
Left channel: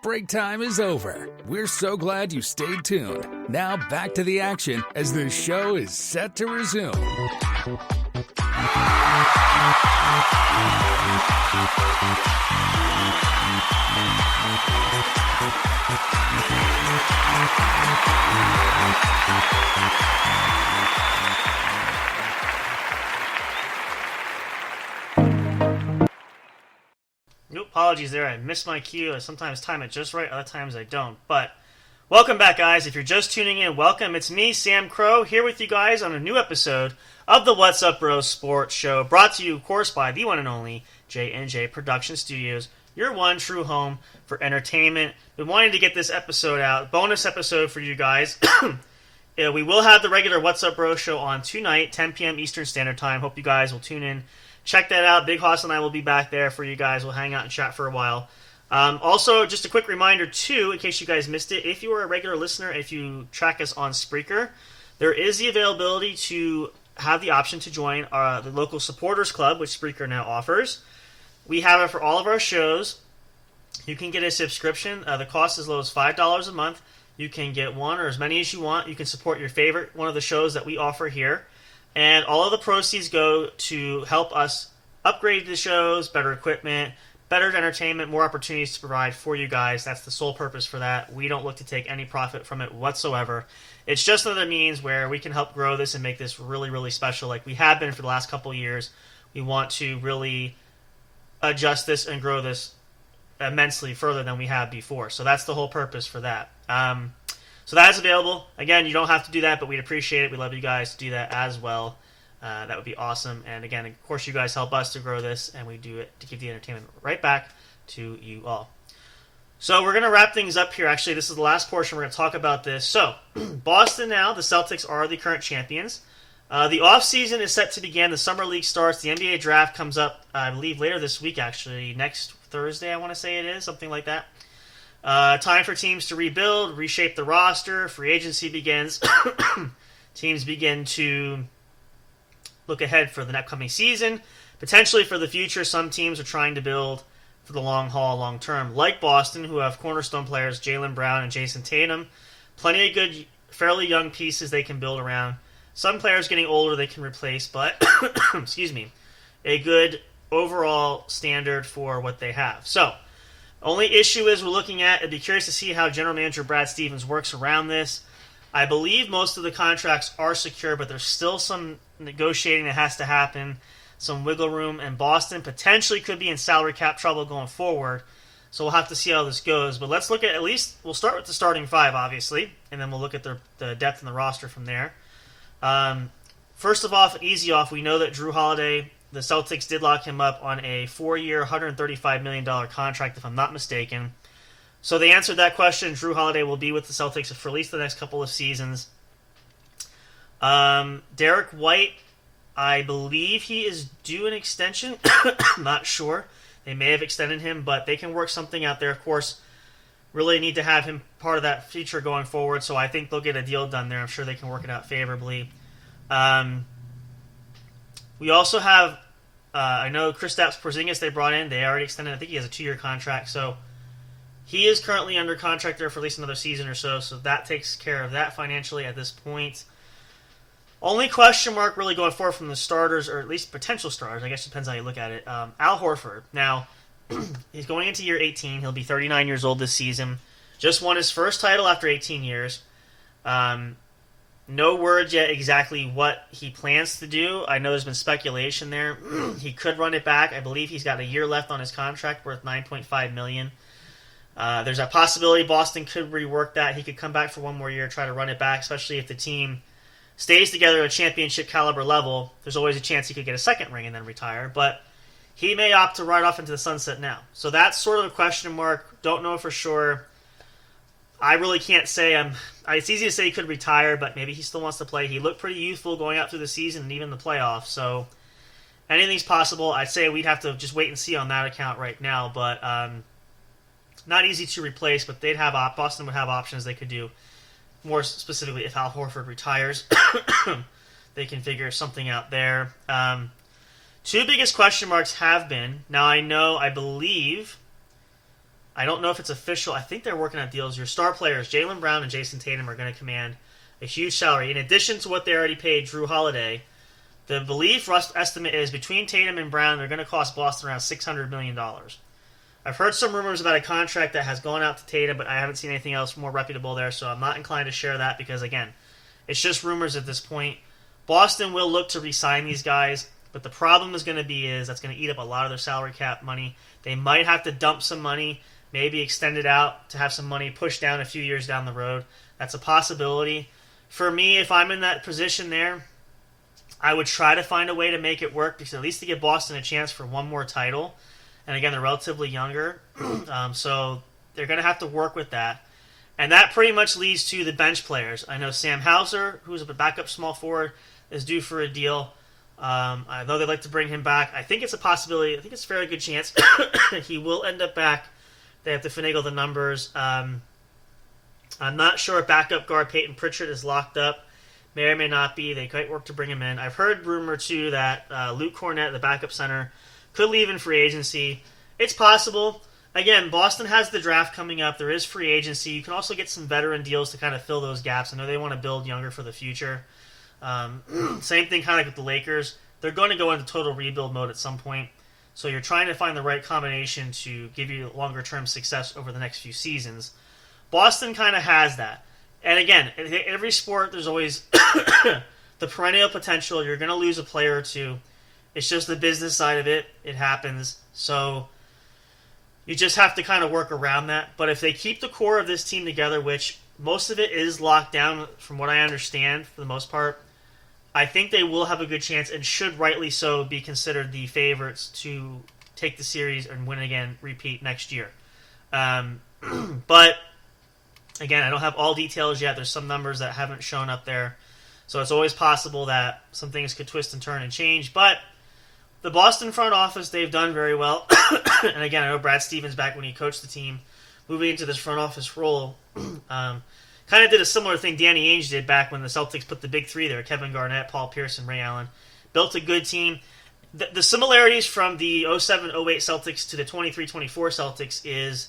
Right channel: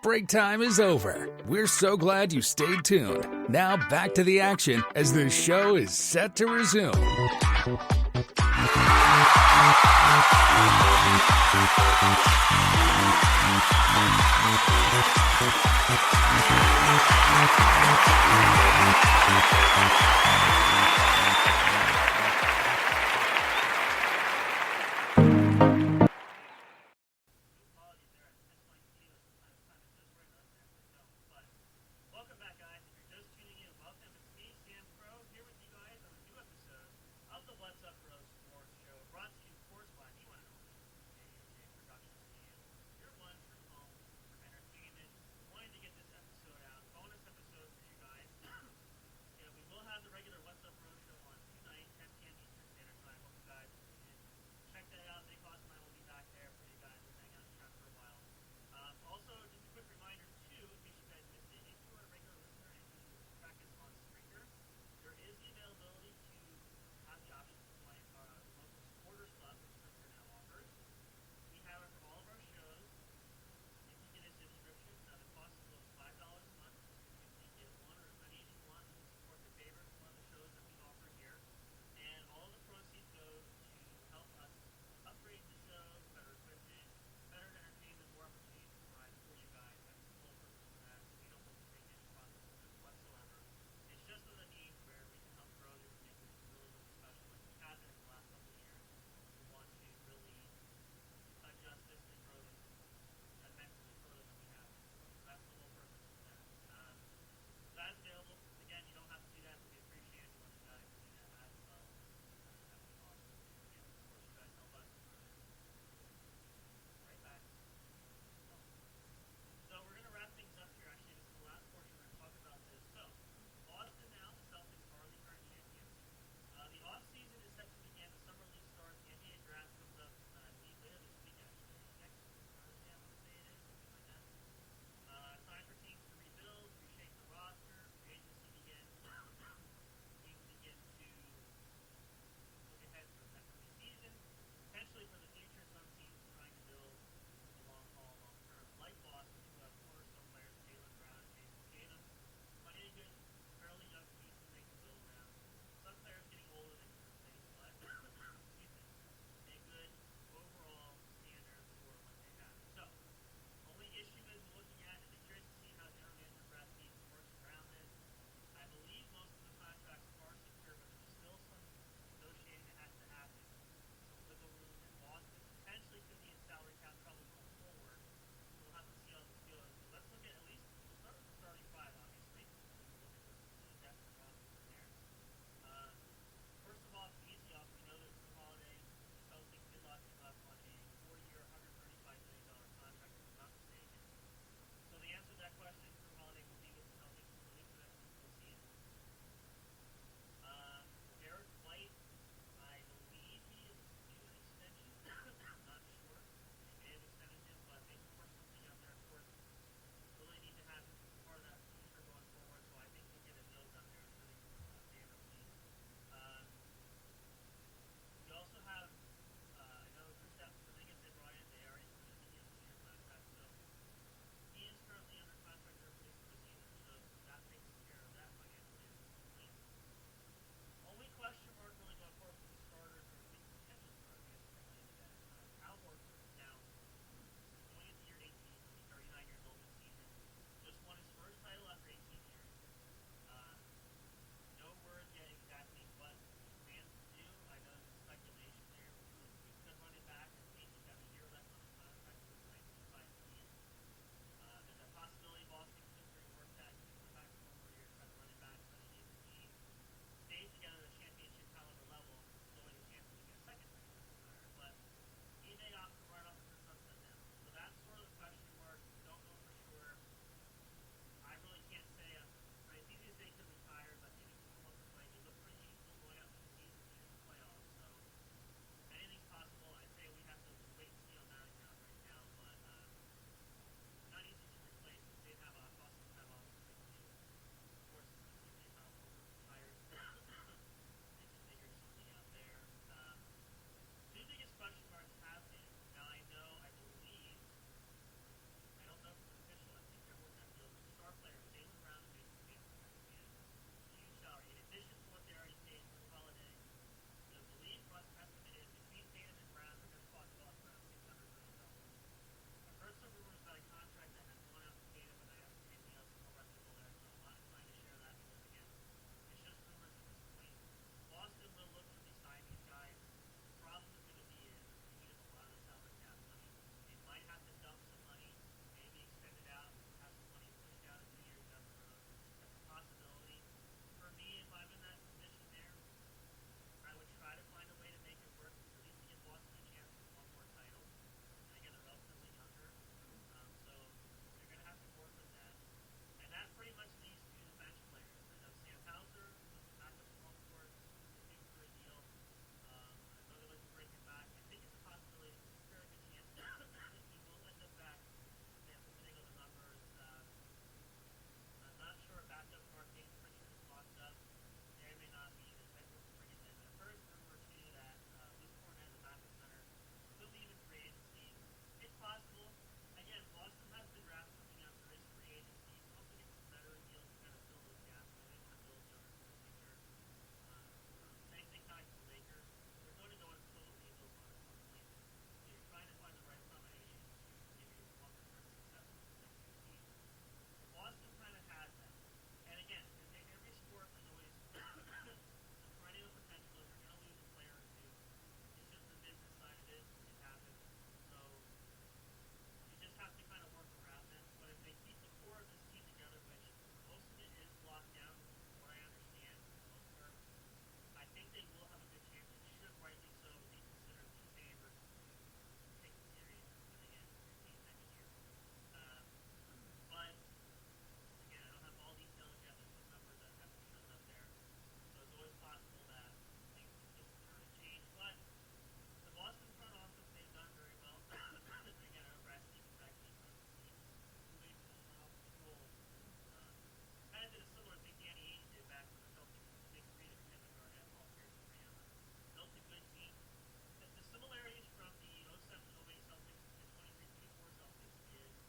Break time is over. We're so glad you stayed tuned. Now back to the action as the show is set to resume. Apologies there, I missed my cue. I sometimes time it just right, other times I don't. But welcome back, guys. If you're just tuning in, welcome. It's me, Sam Crow, here with you guys on a new episode of the What's Up Bros Sports Show, brought to you, of course, by the one and only J&J Production Studios, your one true home for entertainment. Been wanting to get this episode out, bonus episode for you guys. Yeah, we will have the regular What's Up Bros show on tonight, 10 p.m. Eastern Standard Time. Hope you guys will tune in. Check that out. Big Hoss and I will be back there for you guys. We'll hang out and chat for a while. Also, just a quick reminder, too, in case you guys missed it, if you are a regular listener, if you track us on Spreaker, there is the availability to have the option to join the local supporters club, which Spreaker now offers. We have it for all of our shows. You can get a subscription. The cost is as low as $5 a month. You can get one or as many as you want. You can support your favorite one of the shows that we offer here. And all of the proceeds go to help us upgrade the shows, better equipment, better entertainment, more opportunities to provide for you guys. That's the sole purpose for that. We don't look to take any profit from it whatsoever. It's just another means where we can help grow this and make this really, really special like we have been for the last couple of years. We want to really adjust this and grow this immensely further than we have before. So that's the whole purpose for that. So that is available. Again, you don't have to do that, but we'd appreciate it. We'd love you guys to do that as well. That would be awesome. And again, of course, you guys help us to grow this, and we do it to give the entertainment right back to you all. So we're going to wrap things up here. Actually, this is the last portion. We're going to talk about this. So, Boston now, the Celtics are the current champions. The offseason is set to begin. The Summer League starts. The NBA draft comes up, I believe, later this week, actually. Next Thursday, I want to say it is. Something like that. Time for teams to rebuild, reshape the roster. Free agency begins. Teams begin to look ahead for the upcoming season. Potentially for the future, some teams are trying to build for the long haul, long term. Like Boston, who have cornerstone players Jaylen Brown and Jason Tatum. Plenty of good, fairly young pieces they can build around. Some players getting older they can replace, but, excuse me, a good overall standard for what they have. So, only issue is we're looking at, I'd be curious to see how General Manager Brad Stevens works around this. I believe most of the contracts are secure, but there's still some negotiating that has to happen, some wiggle room, and Boston potentially could be in salary cap trouble going forward. So we'll have to see how this goes. But let's look at least, we'll start with the starting five, obviously, and then we'll look at the depth in the roster from there. First of all, easy off, we know that Drew Holiday, the Celtics did lock him up on a 4-year, $135 million contract, if I'm not mistaken. So they answered that question. Drew Holiday will be with the Celtics for at least the next couple of seasons. Derek White, I believe he is due an extension. Not sure. They may have extended him, but they can work something out there. Of course, really need to have him part of that feature going forward, so I think they'll get a deal done there. I'm sure they can work it out favorably. We also have, I know Kristaps Porzingis they brought in. They already extended, I think he has a 2-year contract, so he is currently under contract there for at least another season or so that takes care of that financially at this point. Only question mark really going forward from the starters, or at least potential starters, I guess it depends how you look at it. Al Horford. Now, he's going into year 18. He'll be 39 years old this season. Just won his first title after 18 years. No word yet exactly what he plans to do. I know there's been speculation there. He could run it back. I believe he's got a year left on his contract worth $9.5 million. There's a possibility Boston could rework that. He could come back for one more year, try to run it back, especially if the team stays together at a championship caliber level. There's always a chance he could get a second ring and then retire, but he may opt to ride off into the sunset now. So that's sort of a question mark. Don't know for sure. I really can't say. It's easy to say he could retire, but maybe he still wants to play. He looked pretty youthful going out through the season and even the playoffs, so anything's possible. I'd say we'd have to just wait and see on that account right now, but not easy to replace, but Boston would have options they could do. More specifically, if Al Horford retires, they can figure something out there. Two biggest question marks have been, now I believe I don't know if it's official. I think they're working out deals. Your star players, Jaylen Brown and Jason Tatum, are going to command a huge salary. In addition to what they already paid Drew Holiday, the belief estimate is between Tatum and Brown, they're going to cost Boston around $600 million. I've heard some rumors about a contract that has gone out to Tatum, but I haven't seen anything else more reputable there, so I'm not inclined to share that because, again, it's just rumors at this point. Boston will look to re-sign these guys, but the problem is going to be that's going to eat up a lot of their salary cap money. They might have to dump some money, maybe extend it out to have some money pushed down a few years down the road. That's a possibility. For me, if I'm in that position there, I would try to find a way to make it work, because at least to give Boston a chance for one more title. And again, they're relatively younger, so they're going to have to work with that. And that pretty much leads to the bench players. I know Sam Hauser, who's a backup small forward, is due for a deal. I know they'd like to bring him back. I think it's a possibility. I think it's a fairly good chance he will end up back. They have to finagle the numbers. I'm not sure if backup guard Peyton Pritchard is locked up. May or may not be. They might work to bring him in. I've heard rumor, too, that Luke Cornett, the backup center, could leave in free agency. It's possible. Again, Boston has the draft coming up. There is free agency. You can also get some veteran deals to kind of fill those gaps. I know they want to build younger for the future. Same thing kind of like with the Lakers. They're going to go into total rebuild mode at some point. So you're trying to find the right combination to give you longer-term success over the next few seasons. Boston kind of has that. And again, in every sport, there's always the perennial potential. You're going to lose a player or two. It's just the business side of it. It happens. So you just have to kind of work around that. But if they keep the core of this team together, which most of it is locked down from what I understand for the most part, I think they will have a good chance and should rightly so be considered the favorites to take the series and win again, repeat next year. But again, I don't have all details yet. There's some numbers that haven't shown up there. So it's always possible that some things could twist and turn and change. But the Boston front office, they've done very well. And again, I know Brad Stevens, back when he coached the team, moving into this front office role, kind of did a similar thing Danny Ainge did back when the Celtics put the big three there. Kevin Garnett, Paul Pierce, and Ray Allen. Built a good team. The similarities from the 07-08 Celtics to the 23-24 Celtics is,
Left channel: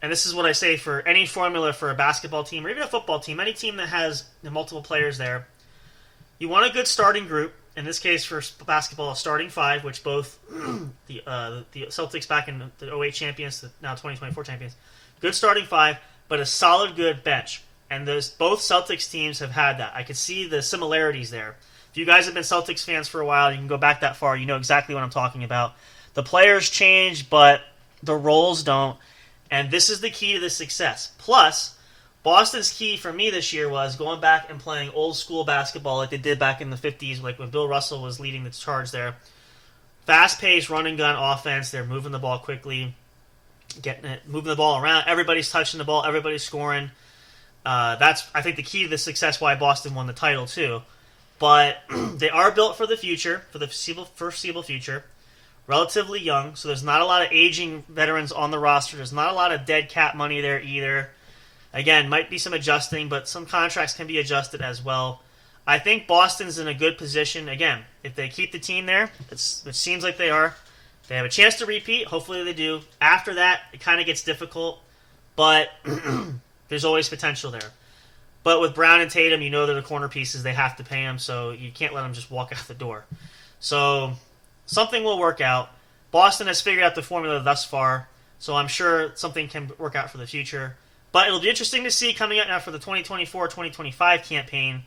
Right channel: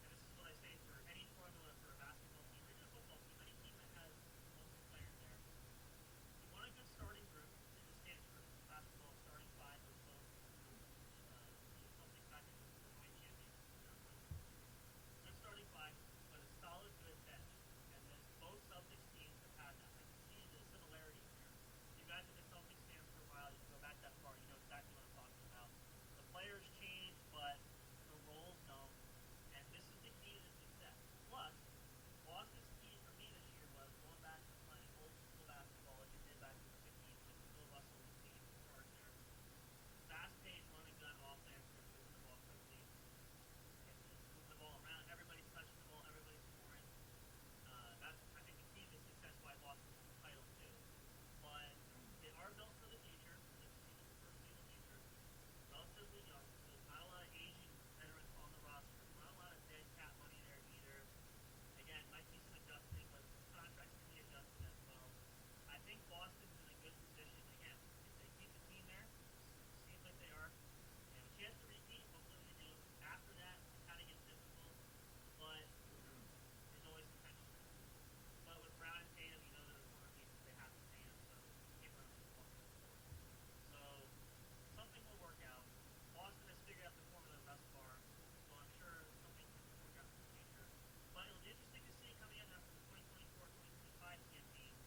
and this is what I say for any formula for a basketball team or even a football team, any team that has multiple players there, you want a good starting group. In this case, for basketball, a starting five, which both the Celtics back in the 08 champions, now 2024 champions, good starting five, but a solid, good bench. And both Celtics teams have had that. I can see the similarities there. If you guys have been Celtics fans for a while, you can go back that far, you know exactly what I'm talking about. The players change, but the roles don't. And this is the key to the success. Plus, Boston's key for me this year was going back and playing old school basketball like they did back in the 50s, like when Bill Russell was leading the charge there. Fast-paced, run-and-gun offense. They're moving the ball quickly, moving the ball around. Everybody's touching the ball. Everybody's scoring. That's, I think, the key to the success why Boston won the title, too. But they are built for the future, for the foreseeable future. Relatively young, so there's not a lot of aging veterans on the roster. There's not a lot of dead cap money there either. Again, might be some adjusting, but some contracts can be adjusted as well. I think Boston's in a good position. Again, if they keep the team there, it seems like they are, they have a chance to repeat. Hopefully they do. After that, it kind of gets difficult, but there's always potential there. But with Brown and Tatum, you know they're the corner pieces. They have to pay them, so you can't let them just walk out the door. So something will work out. Boston has figured out the formula thus far, so I'm sure something can work out for the future. But it'll be interesting to see coming up now for the 2024-2025 campaign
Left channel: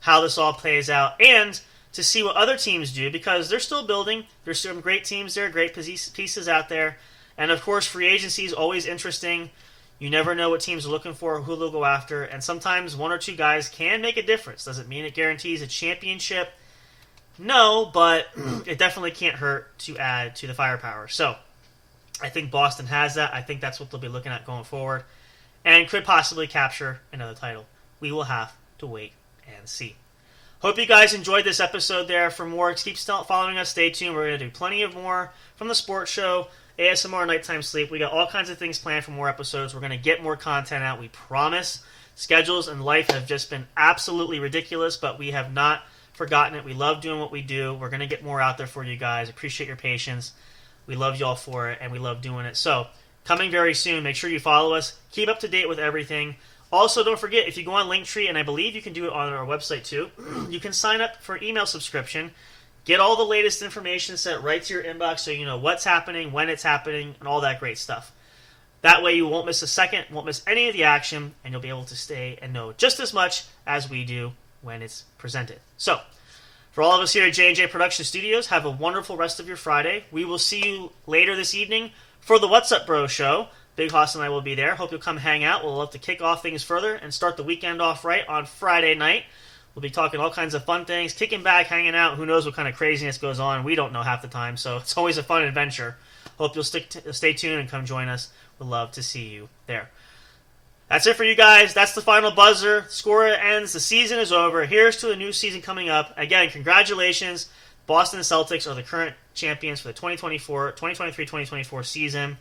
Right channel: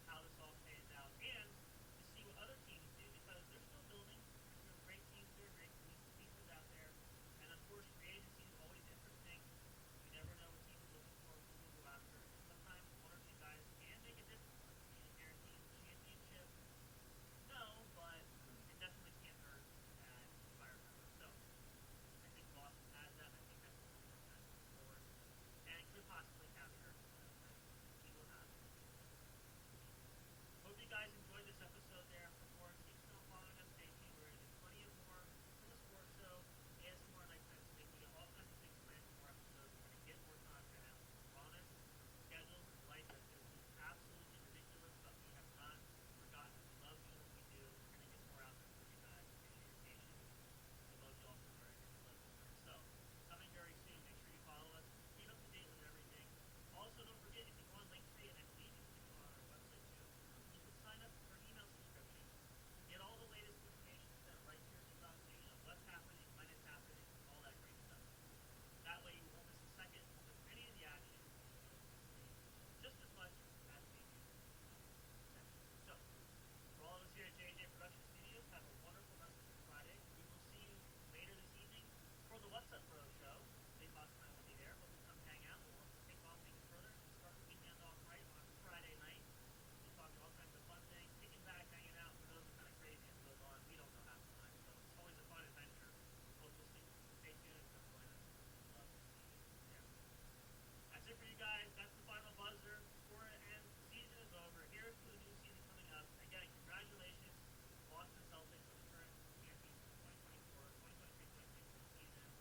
how this all plays out, and to see what other teams do, because they're still building. There's some great teams there, great pieces out there. And, of course, free agency is always interesting. You never know what teams are looking for, who they'll go after, and sometimes one or two guys can make a difference. Does it mean it guarantees a championship? No, but it definitely can't hurt to add to the firepower. So I think Boston has that. I think that's what they'll be looking at going forward, and could possibly capture another title. We will have to wait and see. Hope you guys enjoyed this episode there. For more, keep following us. Stay tuned. We're going to do plenty of more from the sports show, ASMR, Nighttime Sleep. We got all kinds of things planned for more episodes. We're going to get more content out, we promise. Schedules and life have just been absolutely ridiculous, but we have not forgotten it. We love doing what we do. We're going to get more out there for you guys. Appreciate your patience. We love y'all for it, and we love doing it. So coming very soon. Make sure you follow us. Keep up to date with everything. Also, don't forget, if you go on Linktree, and I believe you can do it on our website too, you can sign up for email subscription. Get all the latest information sent right to your inbox so you know what's happening, when it's happening, and all that great stuff. That way you won't miss a second, won't miss any of the action, and you'll be able to stay and know just as much as we do when it's presented. So, for all of us here at J&J Production Studios, have a wonderful rest of your Friday. We will see you later this evening for the What's Up Bro show. Big Hoss and I will be there. Hope you'll come hang out. We'll love to kick off things further and start the weekend off right on Friday night. We'll be talking all kinds of fun things, kicking back, hanging out. Who knows what kind of craziness goes on. We don't know half the time, so it's always a fun adventure. Hope you'll stay tuned and come join us. We'd love to see you there. That's it for you guys. That's the final buzzer. Score ends. The season is over. Here's to a new season coming up. Again, congratulations. Boston Celtics are the current champions for the 2023-2024 season.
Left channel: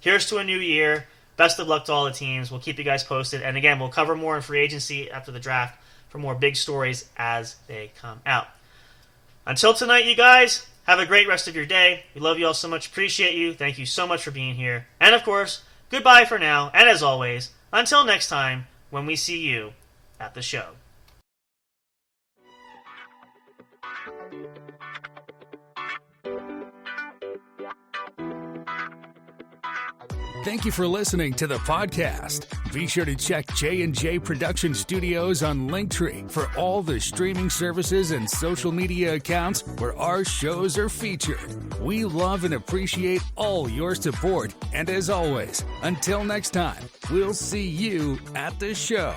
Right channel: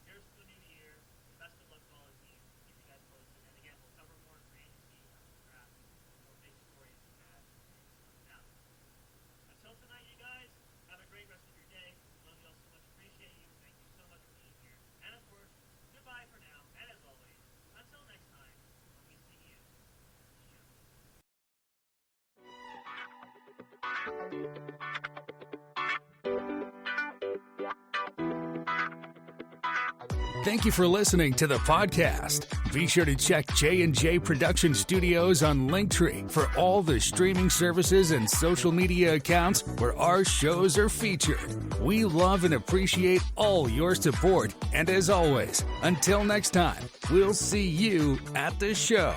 Here's to a new year. Best of luck to all the teams. We'll keep you guys posted. And again, we'll cover more in free agency after the draft for more big stories as they come out. Until tonight, you guys, have a great rest of your day. We love you all so much. Appreciate you. Thank you so much for being here. And of course, goodbye for now. And as always, until next time when we see you at the show. Thank you for listening to the podcast. Be sure to check J&J Production Studios on Linktree for all the streaming services and social media accounts where our shows are featured. We love and appreciate all your support. And as always, until next time, we'll see you at the show.